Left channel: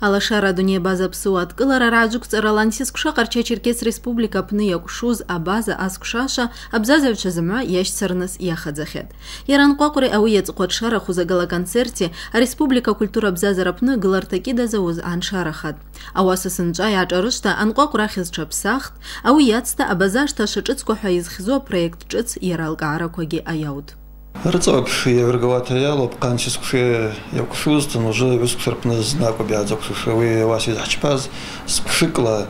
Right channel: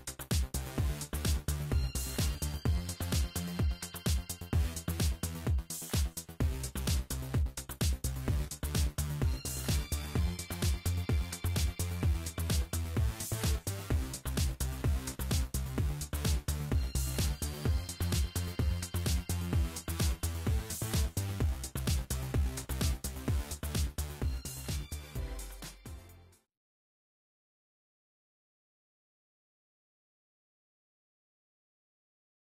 Алашара Дуния база псуат кылара раджук царалансис куша Карача-Черкес республика пны якушуз абаза аскушаша абзазевча зама яш царнас яхадзахет. Яран квакуре ауе цкотшара хузагала концерте а республика культура абзазара пны гылартаки да зауз аншарахат. Ауаса сынча ячарышта анквакура хизчапсахт ауе яцта абазашта шичицко хаизхизо проект чиц яралкара коги аяут. Рцапши еврговатая лопканчискуши якушустан уже вискушерпна знаку бязакуши вы вас изачпаз скушикла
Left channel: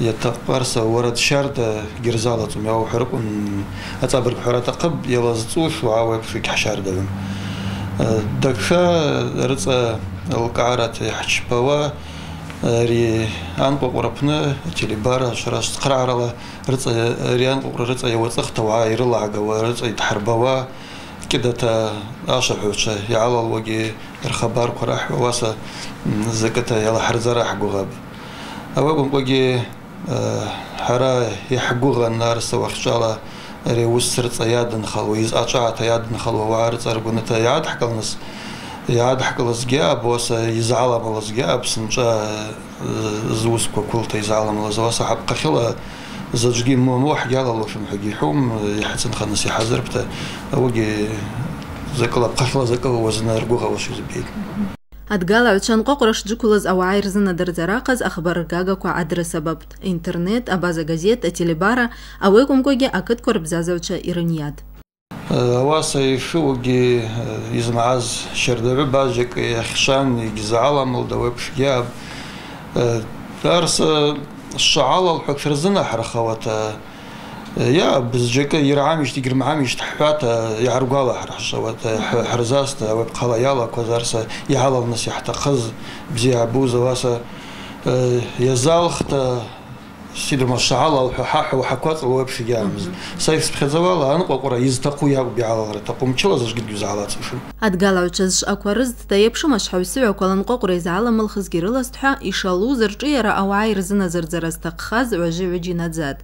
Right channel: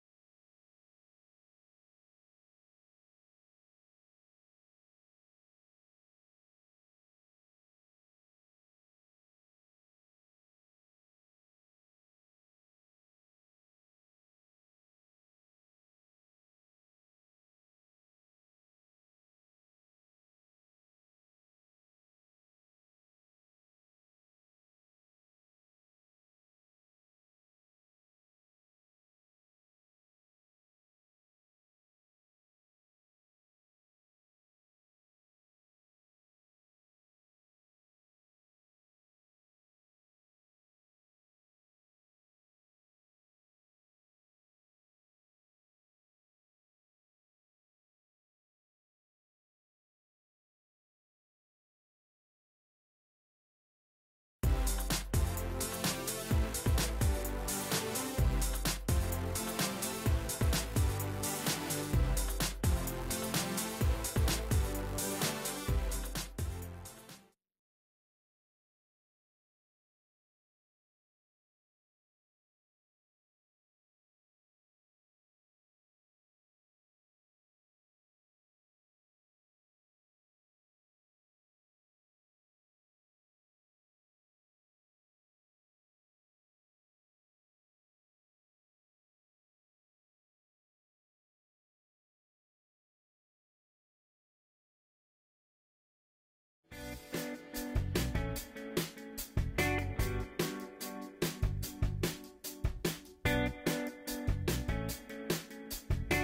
يتقارس ورد شارد جرزالة وماو حرقون أتابر بحرات قب يلازطوش وعاوي بشيك حشار دلم دكشا رصا القعرات يحشبوا ري أنقو قربنا تلي بارا شراش تقرعرلا رصا ري أنقو رصا يوثق توعا يرلا عقوا رصا يتحربوا كده تا أشرحوش يعلى الوجي الخبر قراح واسا زكتا يلا حرزرا حقوغاب أوابن وجي حرا يحقوغ النار سوى خشالة ريوسر تيادن خلو يزعشا تيادن خلو وعارض أرجونة يعاد حكلنس يعاد حكلس جاب واسا يزعلم لس جاب سنجا زوس كل تيزعلم لس واسا حب قخلا زوجي موح يلا لو شو محجي حوم يحسن خنس يحذر بتا أوجي زكلا قخلا زكلا وزن أرجوها وشو زبيد أتقال عشان قرش جوكولز أو عايرزنا درزراقز أخبار جاجاكو عدر سبب إنترنت أبازا جازيت أتيليبارا أو يكون كوجي أكد كورب زازوجة إيرانيات. واسي شوجي يزمعز شردبي باجك يخشان يجزعلا مولدوي بشجاب دارس الشعالة الحكفرزنا حرخوات يا بزجك يرعامش تجر معامش تحفات يعرقاله حرشوات حرزاست وبقلا يلا كوزارس يعلى الناس يحتقز بزي عبوز واسا يزالخت سيدر مشعالة وحاح وحكوات وبش جامز سايف بخزوالا أنا قرا يزتقوا يا بيعلى تقوم تشلا زج جد يزعلات شو أتقال عشان أكورز تيبشو مش حوسوا وكلن قرا يزعل ملخص جريلاست حا إشالو زرجيرا أو عايرزنا زرزرستقخاز وجيجي نزاد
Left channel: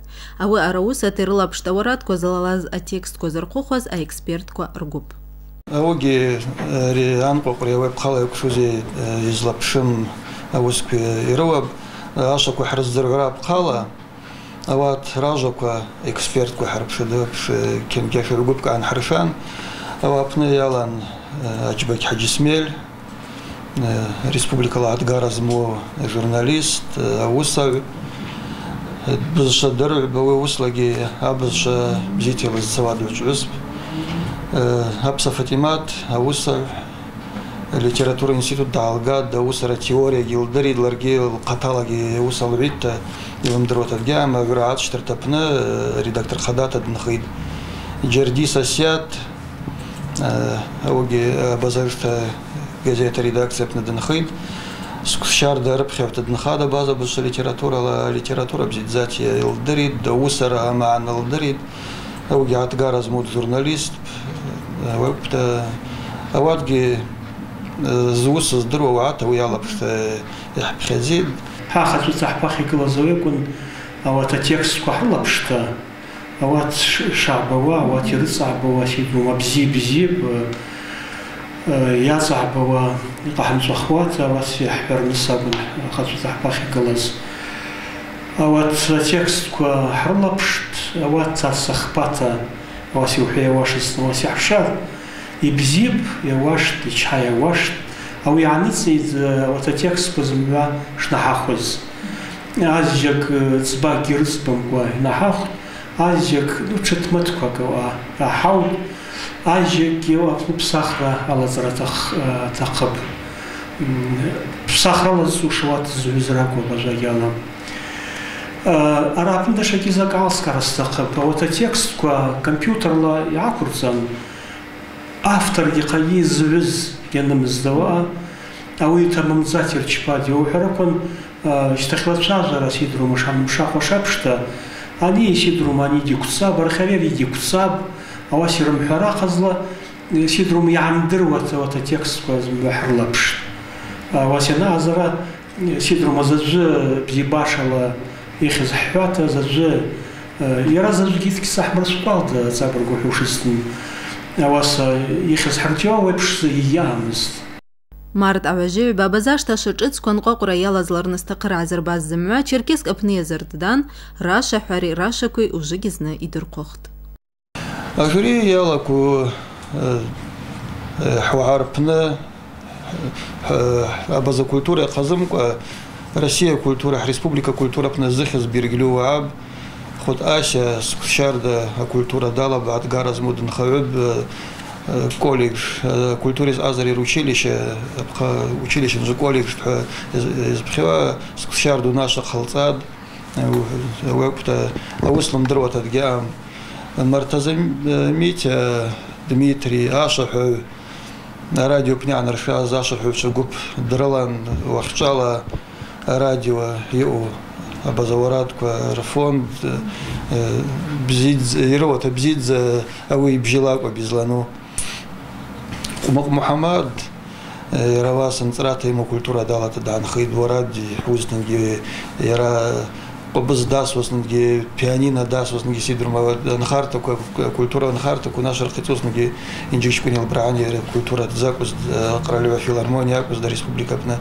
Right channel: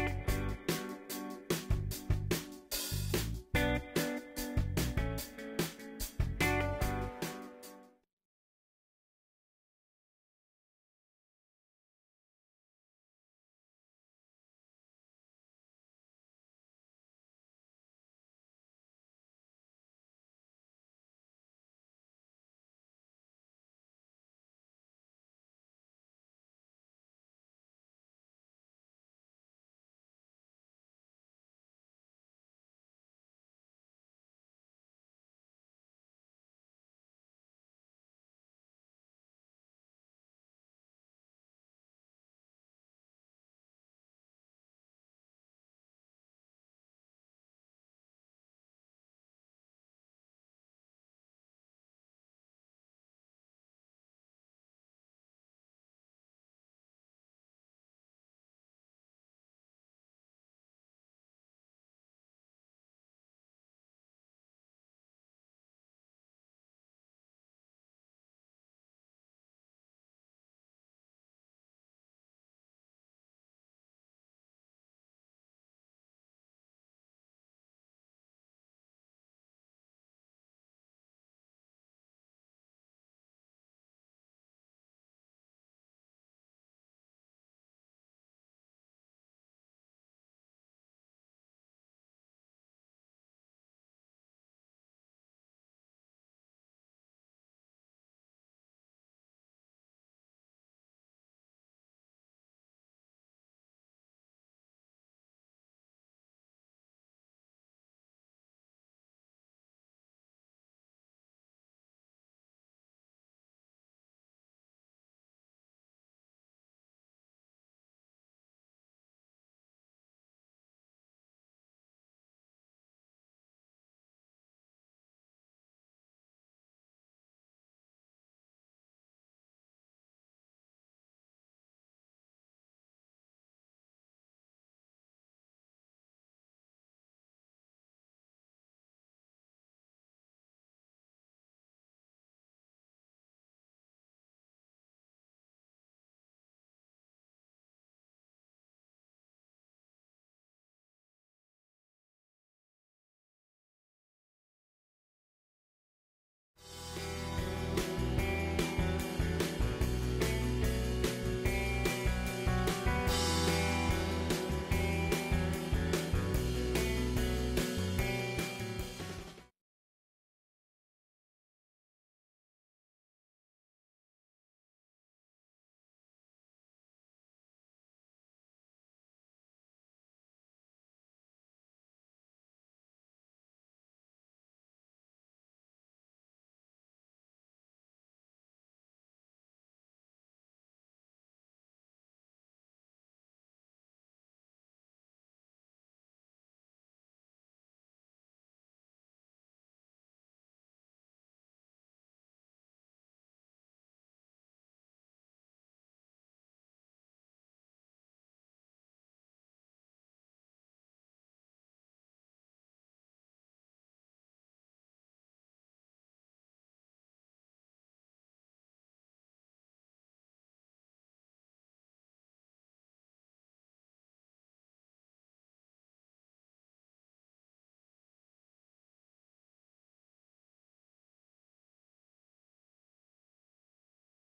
أو أروسة ترلا بشتورات كوزلاز التكست كوزرقوخز الإكسبرت كوارجوب أوجي ريان قرا وبخلا يكشوزي يزلبشم أوسك يروب أشوف حرز زرقاء بقالة أوات راجوك إكسبرت كحرب شدوب كم كيف رجوبك عن حرفان أو أبني يالان أجبك حج سميل ريسبوبليكا العتقارة زمو جورناليست أوصل بزش درب بوصلجي أبزش بزيتي للزواد والجزب أبص فاتيمات أوصل ليتراتورة إنستيتوت دالغاد دوسرة تيوريا جلدري لرجي القتالجي وصل بيت يوم دروت الجامعة قرأت شترتبنا ريدكتور خدات النخيد جردي ساسيات أوجي بازرت جزيرة ريدكتور بن النخيد سكشار درب خفت النخادة بازا بس ليتراتورة بزيد ذاتي الدريد دوسرة مع الدريد أوجي عتقار زمود جورناليست وقت أوجي زوس الدرو وعاته ويلا بخزيد حاخذ صحبخي كل زوجكن أو تتكس كحلا بشتا أو شعبوا أو ترصعبوا سيدو بزيب يا صعبوا يطحن صخوات أو سيحبر نصابن خذ صحبخي كلاز أو تتكس كحلا بشت أو تصخباتا أو سيوحي واشس أو سيحشار يبزيب يواشت يشحى يواشت أو يعني تزيد وتتكس بزملا شنحاخوز عزيك تباع جرس بمقوى نحاخ عزيك لوتشت كوا حاول عزيك يو بصخرة على زرتخ تقب بصخرة لزوشوات زوزراك وبجايانا أرابن دشاكي زاك عسكر استقب وتتكس كوا كمبيوتر لا يعكرزان автор يقيز زوز ينمز دواء أو يتمم زاتير تشبادي وحركون اشتخلت شاجرة سيدرو مشاخ وشابشتا أني سيدرو ماني دي كتساب برخيري دي كتساب أو سيرم حراقزلا سيدرو ميعمدر وتتكس كوزم بحر لبش وسينا أزرا سيدرو مزج بزيباشلا يخز حواتا زج يرازج جيثك سحمر سبالد زابر قوحوشستن أواس يخز حرتيو ويبش يامز Март аважи бабазашта шачыц конқоқра ялазларны стақыра азербаз зімма Черкесск апны езірдідан Раша хари Раша куй уже гизны идір қоқт. Ажури ялаку حواربنا أبز كولتورة قزم Россия культура, республика культура пназыхыз бирглю аб خود آشا شارد культура дала بعد гараз мудн хавеб колледж культурис азари училище же колледж из бхева шарду наша халцад وقت أوصلهم دروت الجام مرتزم ميت دميتري آشح راديو بنيان رشاز آشح وشجوب درلان وخشالة راديو يو بزورات كرفون بزيد يروت بزيد أوي بجلاك وبزلانو محمد رواس انتراتي مو كولتورا دالت دان خيد ورادي حوزنجي يرا قبض داس وسنجي بيانينا داس وسنجي سيدر ما نخارتا كولتورا نخارتا كنا شرقيتوس نجي انجيش كوني البراني كولتورا تزاكوس قراليوا فيلارمونيا كوس دا ريسبублика بنا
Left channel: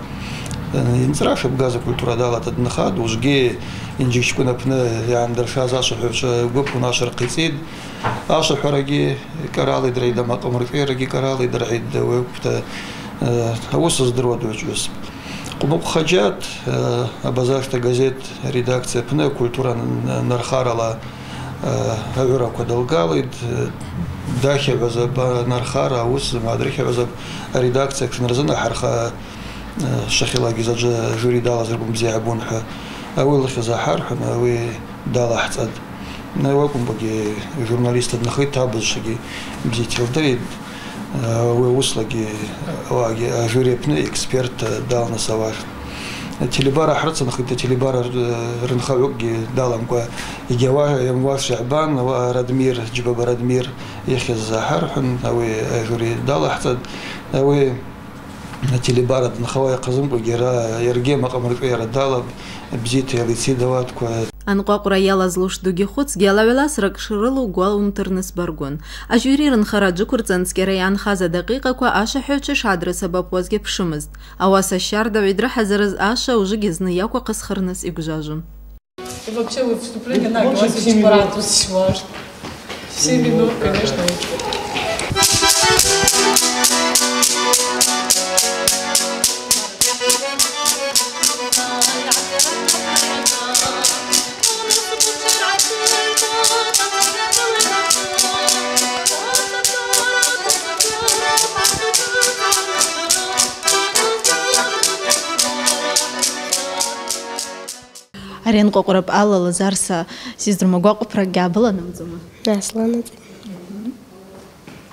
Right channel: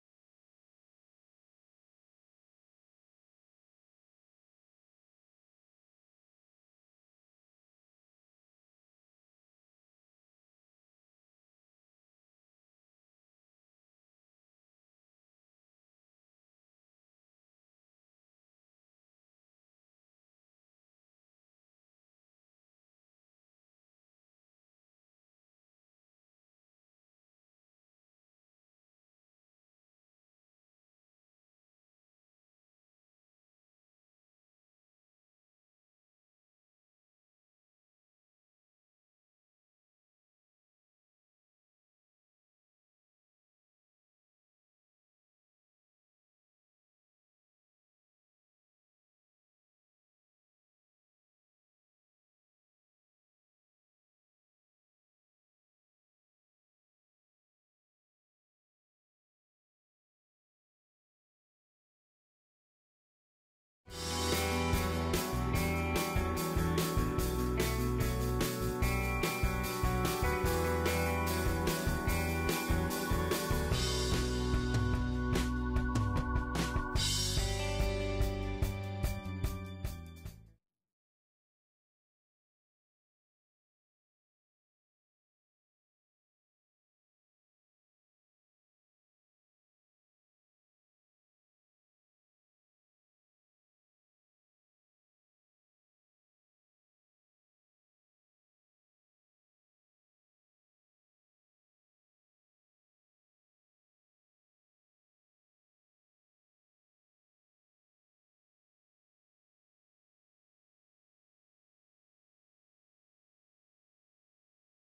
انتراش بغازا كولتورا دالت دنخاد وجي انجيش كنا بنا يعني درشاز اشرح غوب كنا شرقيتيد اشرح رجي كرالي دريدا ما قمرتي رجي كرالي دريد وقت اوسس درود وجوس قموق خجات أبزاشت газет редакция пне культура нархарала авера кодалгалид дахе вазаб нархара ус мадрихе вазаб редакция кнарзана харха шахила гизаджа жюри дала зербум зиабун ха авыл хизахар ха ви дала хцад навакум боги журналисты нахай табышги бзитилдри ووصلقي واجي جوريبنا إكسبرت دالنا سواش تليبارا حرصنا خدت تليبارا رنخاوجي دالهم كوا يجوا يوم شعبان وردمير جباب ردمير يخي الزهر حن أوي جوري دال حتى أوي تليبارا نخواي قزم وجرا يرجع مقامر غير دالب بزيت يلي سيدوات كوا أنقاقرا يلا زلوش دوجي خدس جالا سرقشرلو قال ونترنس برغون أجوري رنخراجو كرتنسكري عن خازة دقيقة كوا آشا حوتش عدر سبب وزجي بشمز أواسا الشعر دا ويدرا حزرز آشا وجيزني ياكوا قسخرنس إبجاجم. И вообще вы вступление на говорите парад ваш. Все ведут, конечно. أرين قرب الله لزارسا سيزدر مقاق برجع بلا نمزمه. أصلاً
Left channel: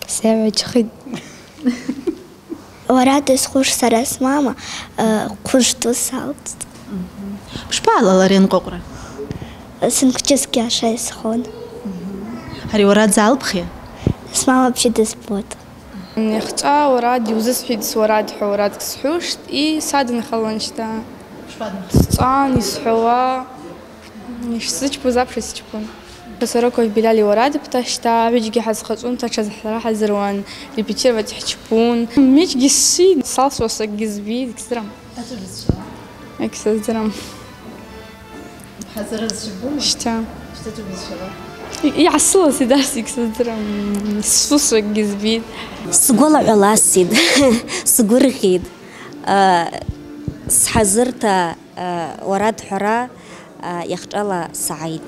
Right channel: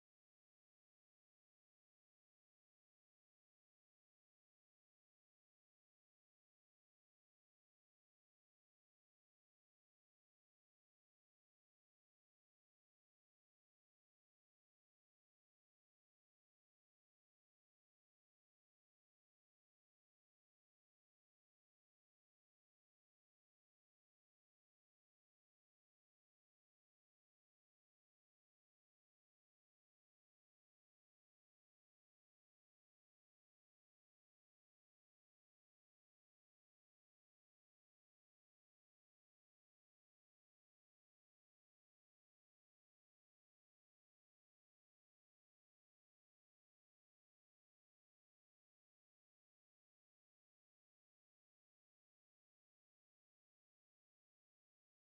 سوي خد وراد سخوش سرس ماما خوش تو سالت. مش بعلا أرين قرب. سنكتشس كاشة سخون. هري وراد زعل بخير. اسمها بشدة سبوت. نختار وراد يوزس حد وراد حوراد كسحوش إيه صادن خلنشتا. صان يسحوا يشسج بزابش يسجبون بسرقوا بلالي وراد بتشتا بيجي حز خصون تشز صراحة زروان البيتير بتحجبون ميج جسيد صاص وصق جزبيد كسرم اكسر درم حزر الزبون شتا تبز شباب يعصوا سيداس يكسر درم صوص جزبيد سقول على سيد سقول خيد حزرت وراد حرا يخجل سعيد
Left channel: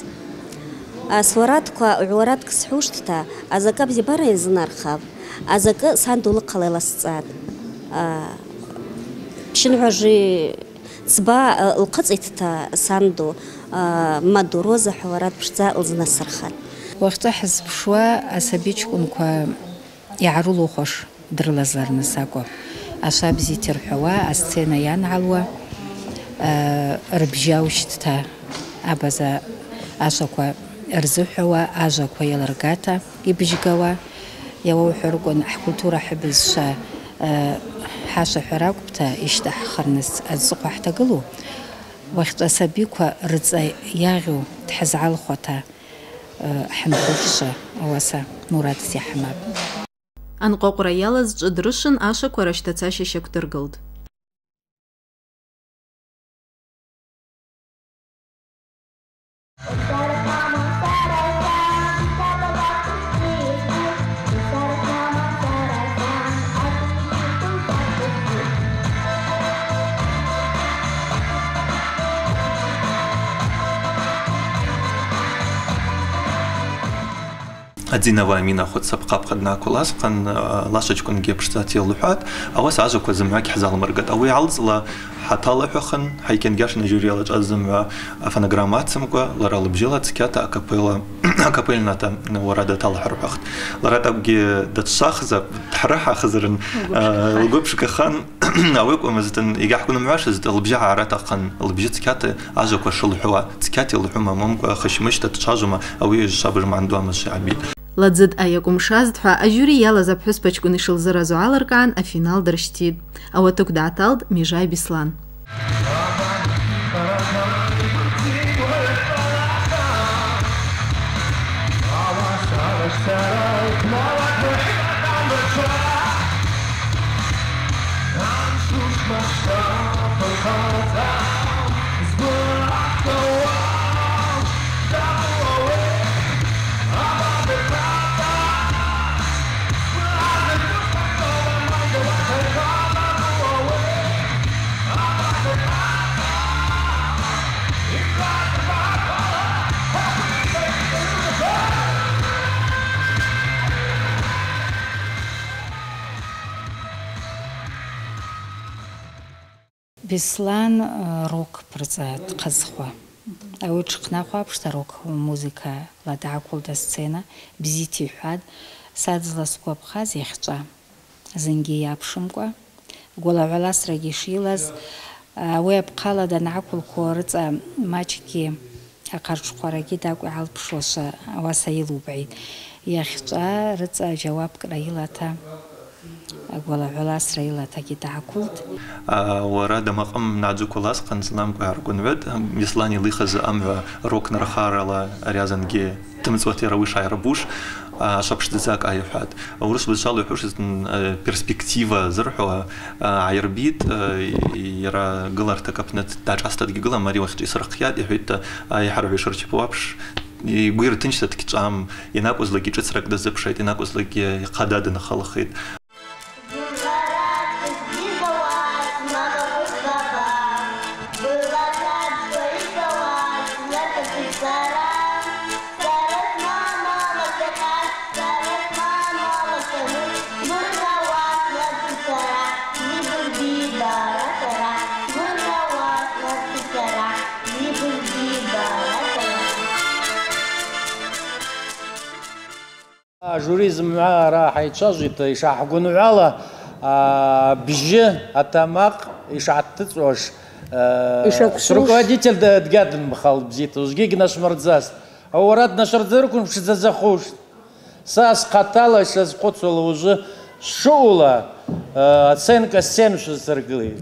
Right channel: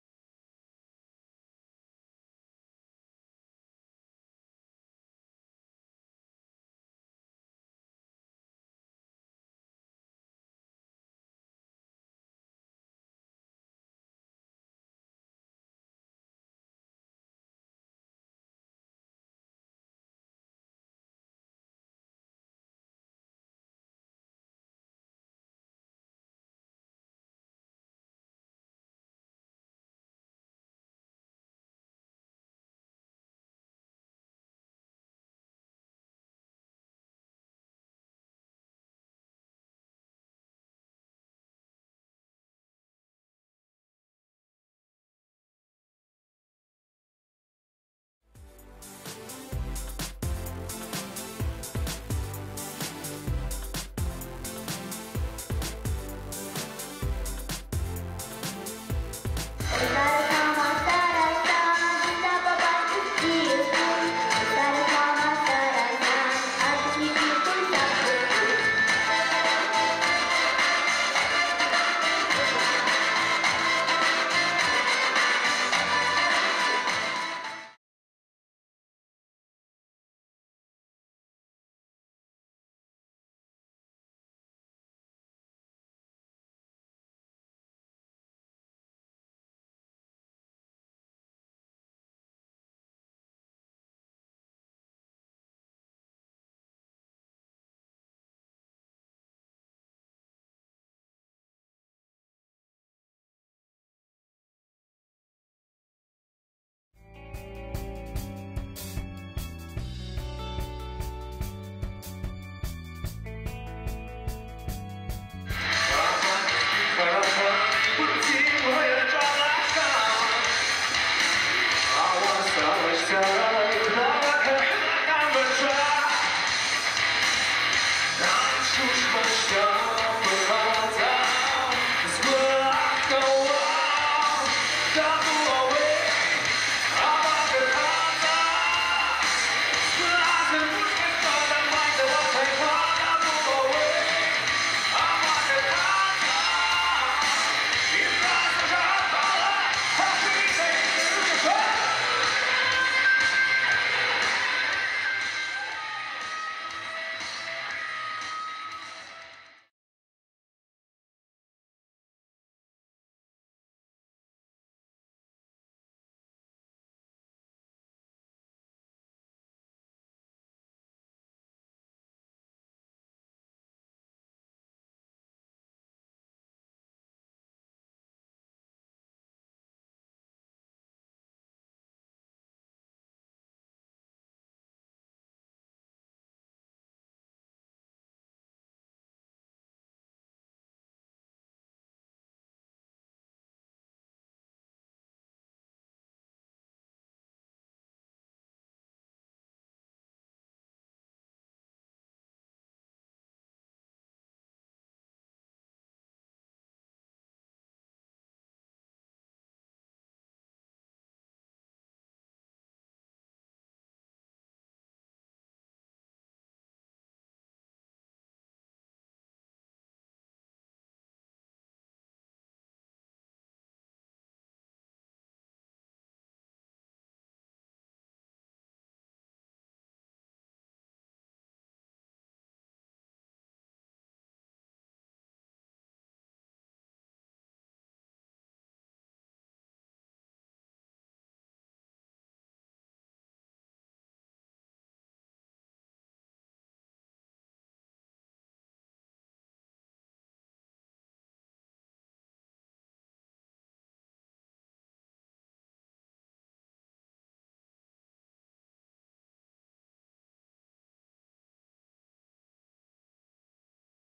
سوراتك ورادك سحوشتها أزكاب زبارة يزنار خاب أزكا ساندو لقلي لسعاد شنو عجي تبا القطعة ساندو مادو روزة حوارات بشتا الزنا السرخان وقت حزب شوا أسابيجكم كوا يعرولو خوش درلزار نساقو أشاب زيتر حوا أستينا يان علوا ربجاوشتها أبزا أشاكوا أرزو حوا أجاكوا يلرقاتا يبجقوا يوو حرقون أحكولتورا حبزشا حاشا حراقبتا يشتح خرنس أزقوا احتقلو وقت أسابيكوا رزا ياغو تحزعال خوتا حمخوفشا واسا مراد سي حماب أنقاقرا يالز جدرشن آشا كورشتاتا شكدر قلب أدينا وامينا خد سبقة بقدنا كلاس قن لاشج كن جيب شتاتي اللوحات أو ساعة كو زمعك حزال مرقد أو يعلز لا حتى لوحخن هيكن جاش نجوري لج أزم فنغرامات سمكو لرا لبجيلات كاتا أكابيلنا تا ورادة تالحربخت لرا تبقي دتشاخزة تحرحها خزرن الجوبش كخان أويك ومزتن يجح كون معاش زت البجع عرات قن البجت كاتا أجاك وشل حوا تكاتي اللحوم ممكن خشمش تتشاجما أو يجابر ما عندهم الشعبي لدزد أيكم شازد حا أجوري يلا زبحس بچكوني شلزرازو عالركان أفينال درشتيد أو توك دعتالد ميجاي بيسلان بيسلان روك برزات قزخوا أو تشقنا بشتا روك موسيقى لا دعكول دا سцена بزيتي حاد سادزلا سكوب خاز يخجا زنجي يابشمكوا قولا ولاس راجيشيلاز ويب قالا دا نعكول كورت ماچكي أقارش قراجي داقو عال بشوشا واسايلو بعيد يخجا رزا جواب كرايلاتا أقول على إسرائيل تجي تعقلت. وراد مقام نعجو كلاس قنصلام كهركون ود يسلاني ليخز أم روك نرخار على رياضن جي تمزوتي رويش عربوش شابش تزاك أي حد. ورس بشال يحوش перспектива زرحوا عيربيت يرى قلر تكبنت داج أستاد قلر مري وقت يسرقيات يحيط يحرب يشرش بوابش. يقول تنشت تكتشام يناقص لقي جسرك دزبشيت يناقص لقي قداد نخلخيت. جوريزم معاه راح يتشجط يشحقون على بجه التماق يشعتتوش руководитель دقادن بخال بزيت وزجيج ناش مرزاس هو راد نشر ذركم مش زخوش ساس قتاله شاز قتل уже шоула оценка 7 شو سرقلي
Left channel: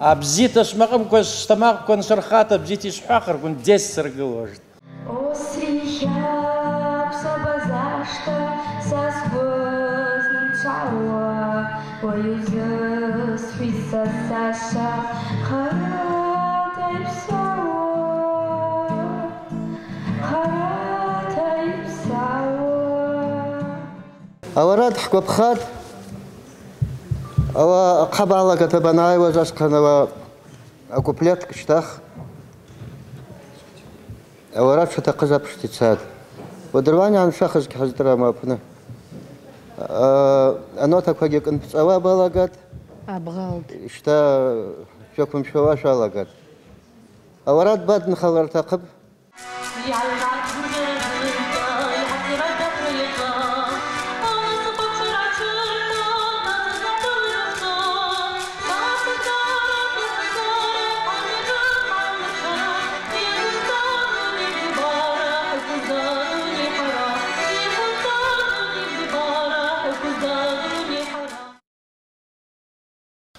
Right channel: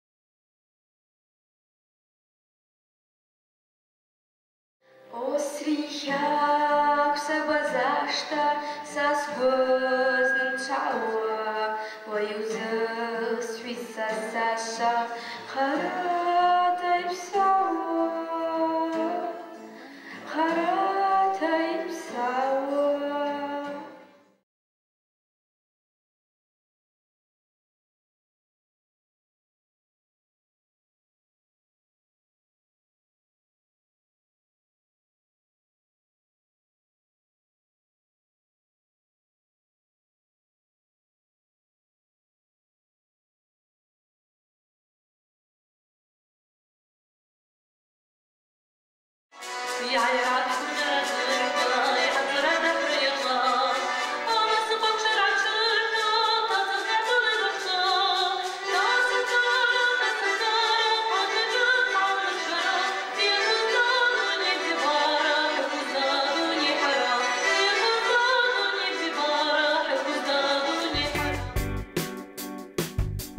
ابزيت اشمقم كوش تماق كون شرخات بزيت يشحقر كون 10 سرقلوش أوراد حكوا بخاد أو قبالة كتبناي وجاش كنا أكوبليت كشتاخ أوراد شو تقزب شتيساد ودرواني عن شخص كحزدرا ما بنا أنا تكوجي كنت بسوا بالاقات أبغالد إشتا شوكم شواش بالاقات أوراد بعد نخلر تقب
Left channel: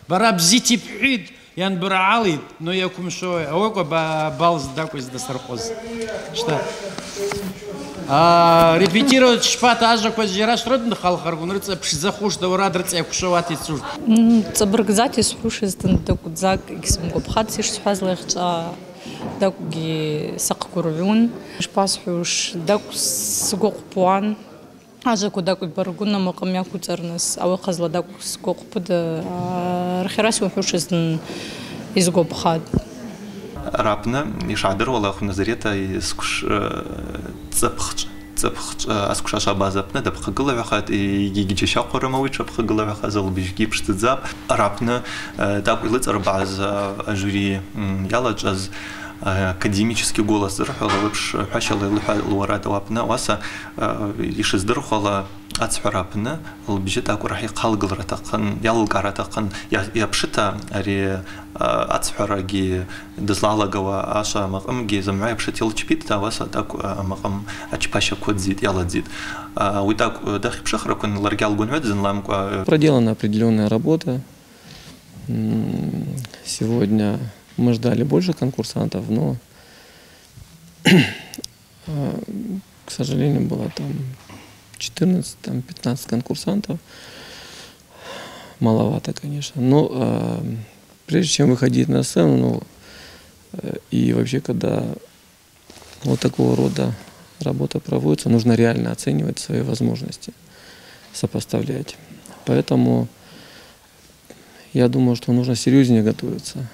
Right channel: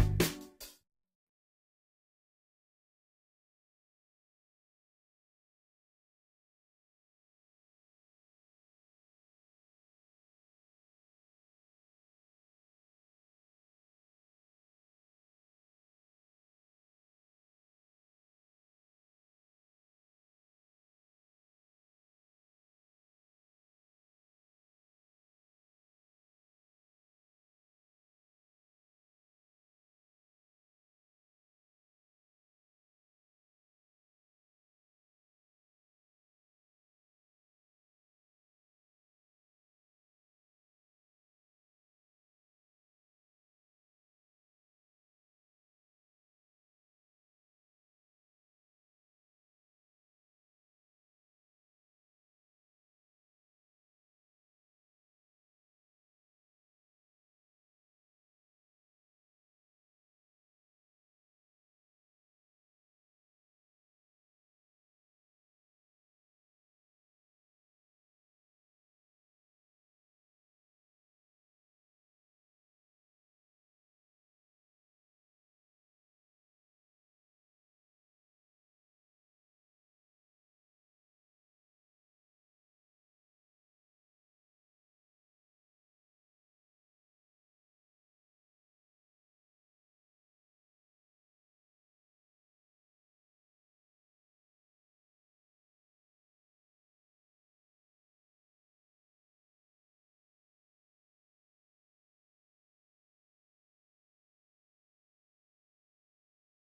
برا بزيتي بحيد يعني برعالي نو يكون شوي أوكو بالز داكوز دسترقوز شتا ريبيتيرو شفات أجا كوزيراش رد خالخر ونرتس بشزخوش دوراد رتس يكشواتي تسوش تبرقزاتي سحوش إزدن داكو تزاك إكسمكو بخاتسيش سحاز ليختا داكو جي ساق كوربيون شباسحوش داكو سقوق بوان أجا كوداكو برقونا مقام ياكو ترنس أو قزلا داكو سقوق بود رخيراسي وحوش إزدن يزقو بخاد رابنا يشعدر والله خو نظريته يسكش цепх аскушаша базапны да пхагыла хат и гиги шақора мавича пхагыла хазал бижги пштзап арапны так уйлыцар баз жюри яла джаз академический голос зрхала лыпш хашала луарата вапна васа ишиз дырхала ацхарапны лбижит акурахи қалгылратакын ялгаратакын япшита ари ацхараги дызлагава аша мaqamги замай пшитил чпит васа так мaqam ачпаша кодзит яладзит вы так дахи пшахракун ларгал гунведзен ламка. Проделана определенная работа. Сегодня мы ждали больше конкурсантов, но, к сожалению, было там 14-15 конкурсантов. Маловато, конечно. Но прежде чем выходить на сцену, и вообще, когда вот такого рода работа проводится, нужно реально оценивать свои возможности, сопоставлять. Поэтому я думаю, что нужно серьезнее готовиться.